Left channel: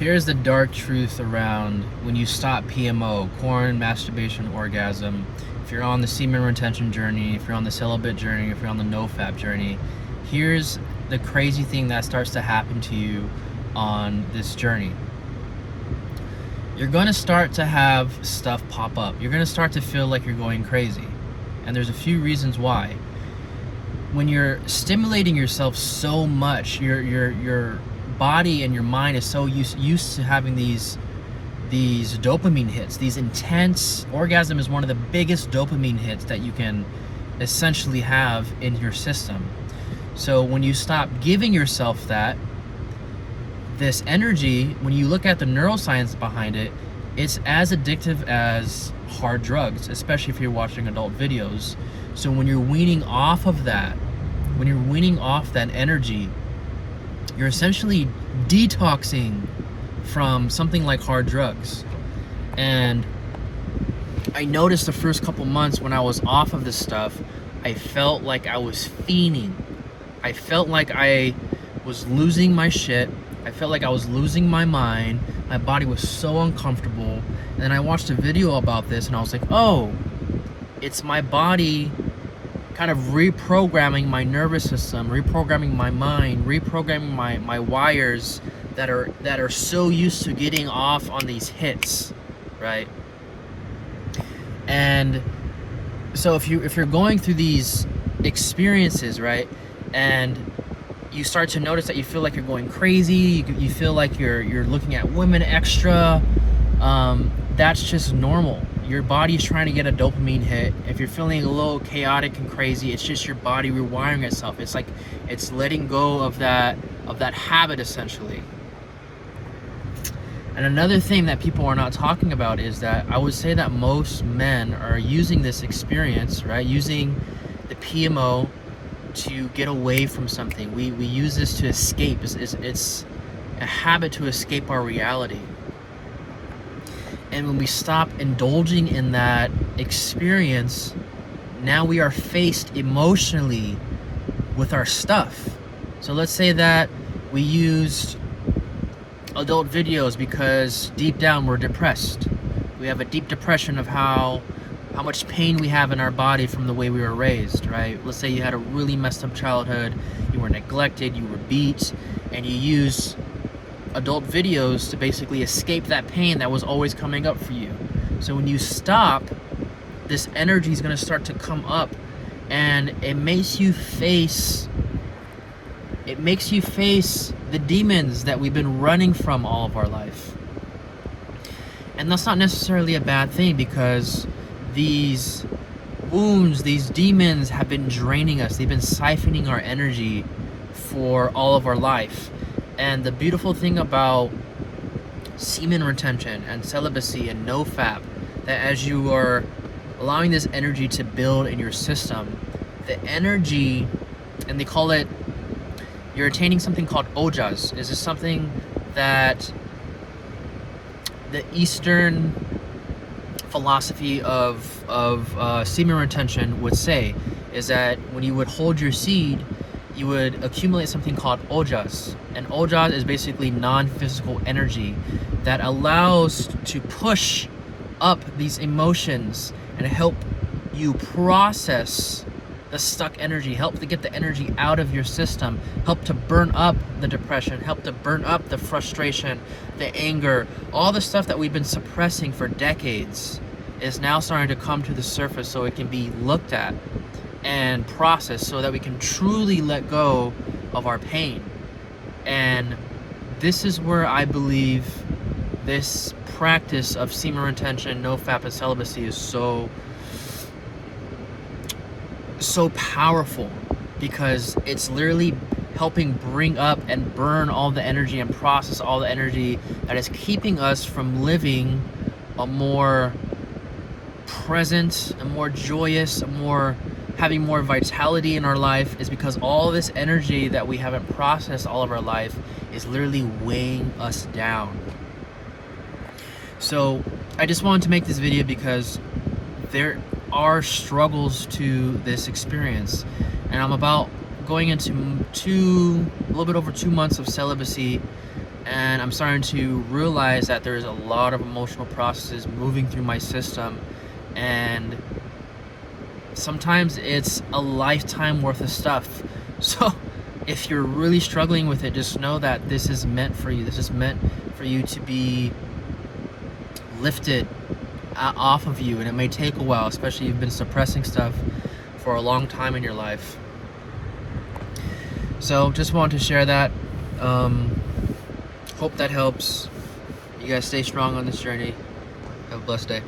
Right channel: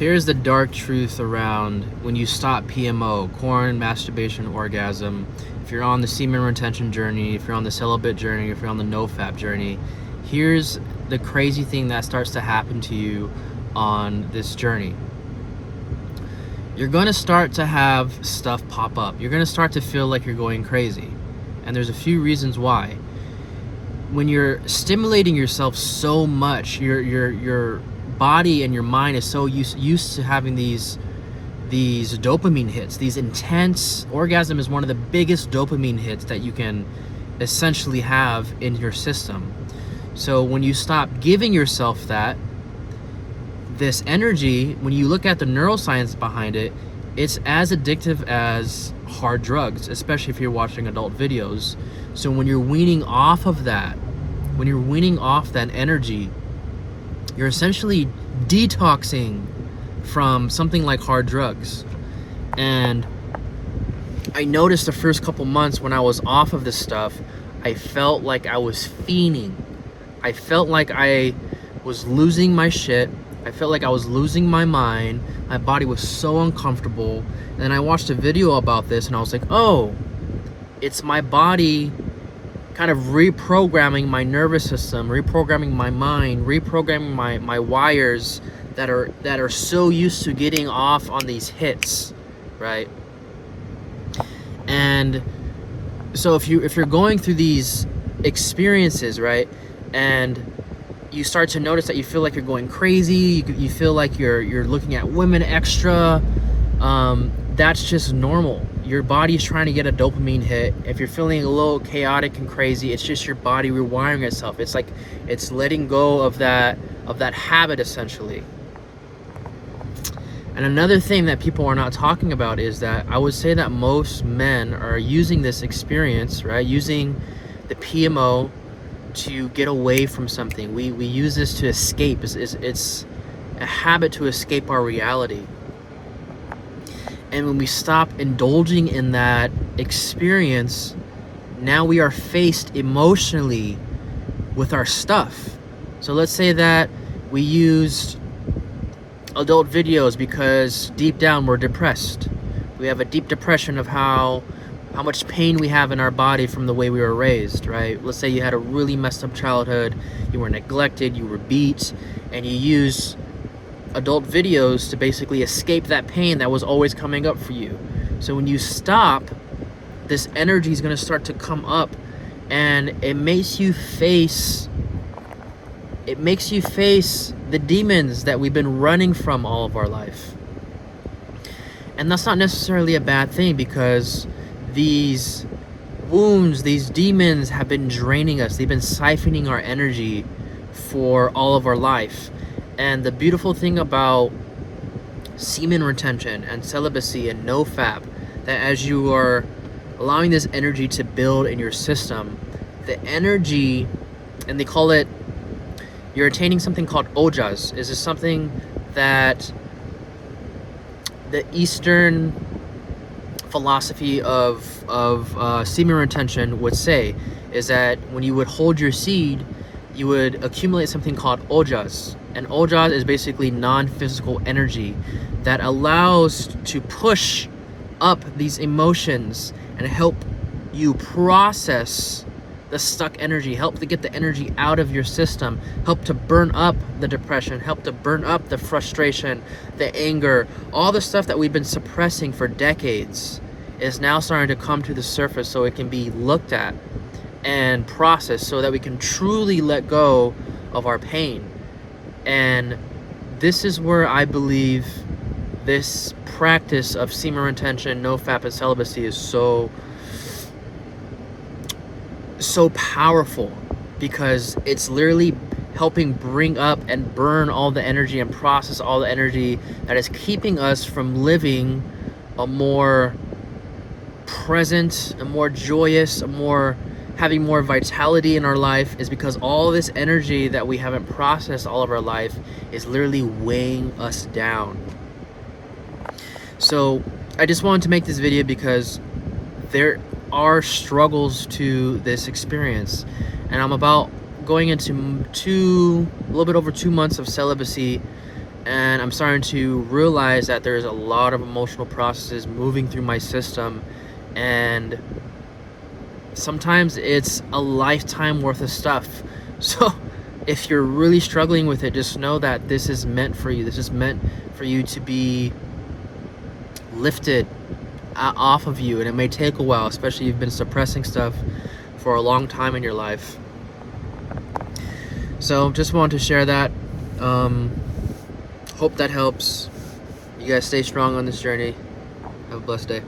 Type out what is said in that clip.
Here's the dark truth around when you stop PMO, porn, masturbation, orgasm. If you're on the semen retention journey, if you're on the celibate journey, if you're on the no-fap journey, here's the crazy thing that starts to happen to you on this journey. You're going to start to have stuff pop up. You're going to start to feel like you're going crazy. And there's a few reasons why. When you're stimulating yourself so much, your body and your mind is so used to having these dopamine hits, these intense. Orgasm is one of the biggest dopamine hits that you can essentially have in your system. So when you stop giving yourself this energy, when you look at the neuroscience behind it, it's as addictive as hard drugs, especially if you're watching adult videos. So when you're weaning off of that, when you're weaning off that energy, you're essentially detoxing from something like hard drugs. And I noticed the first couple months when I was off of this stuff, I felt like I was fiending. I felt like I was losing my shit. I felt like I was losing my mind. My body was so uncomfortable. And then I watched a video about this and I was like, oh, it's my body kind of reprogramming my nervous system, reprogramming my mind, reprogramming my wires that are so used to getting off on these hits, right? And so if you're going through these experiences, right, and you start to notice that you feel like you're going crazy, you feel like you're looking at women extra, that's just normal. Your body's trying to get a dopamine hit. If you're feeling a little chaotic and crazy, it's just your body rewiring itself. It's like it's letting go of that habit, essentially. And another thing that people are not talking about is that I would say that most men are using this experience, right, using the PMO to get away from something. We use this to escape. It's a habit to escape our reality. And when we stop indulging in that experience, now we are faced emotionally with our stuff. So let's say that we used adult videos because deep down we're depressed. We have a deep depression of how much pain we have in our body from the way we were raised, right? Let's say you had a really messed up childhood, you were neglected, you were beat, and you use adult videos to basically escape that pain that was always coming up for you. So when you stop, this energy is going to start to come up, and it makes you face the demons that we've been running from all of our life. And that's not necessarily a bad thing, because these wounds, these demons have been draining us. They've been siphoning our energy for all of our life. And the beautiful thing about semen retention and celibacy and no-fap, that as you are allowing this energy to build in your system, the energy, and they call it, you're attaining something called ojas. Is this something that the Eastern philosophy of semen retention would say, is that when you would hold your seed, you would accumulate something called ojas. And ojas is basically non-physical energy that allows to push up these emotions and help you process the stuck energy, help to get the energy out of your system, help to burn up the depression, help to burn up the frustration, the anger, all the stuff that we've been suppressing for decades is now starting to come to the surface, so it can be looked at and processed, so that we can truly let go of our pain. And this is where I believe this practice of semen retention, no-fap, and celibacy is so powerful, because it's literally helping bring up and burn all the energy and process all the energy that is keeping us from living a more present, a more joyous, having more vitality in our life, is because all this energy that we haven't processed all of our life is literally weighing us down. So I just wanted to make this video because there are struggles to this experience, and I'm about going into a little bit over 2 months of celibacy, And I'm starting to realize that there's a lot of emotional processes moving through my system, and sometimes it's a lifetime worth of stuff. So if you're really struggling with it, just know that this is meant for you. This is meant for you to be lifted off of you, and it may take a while, especially if you've been suppressing stuff for a long time in your life. So just wanted to share that. Hope that helps. You guys stay strong on this journey. Have a blessed day.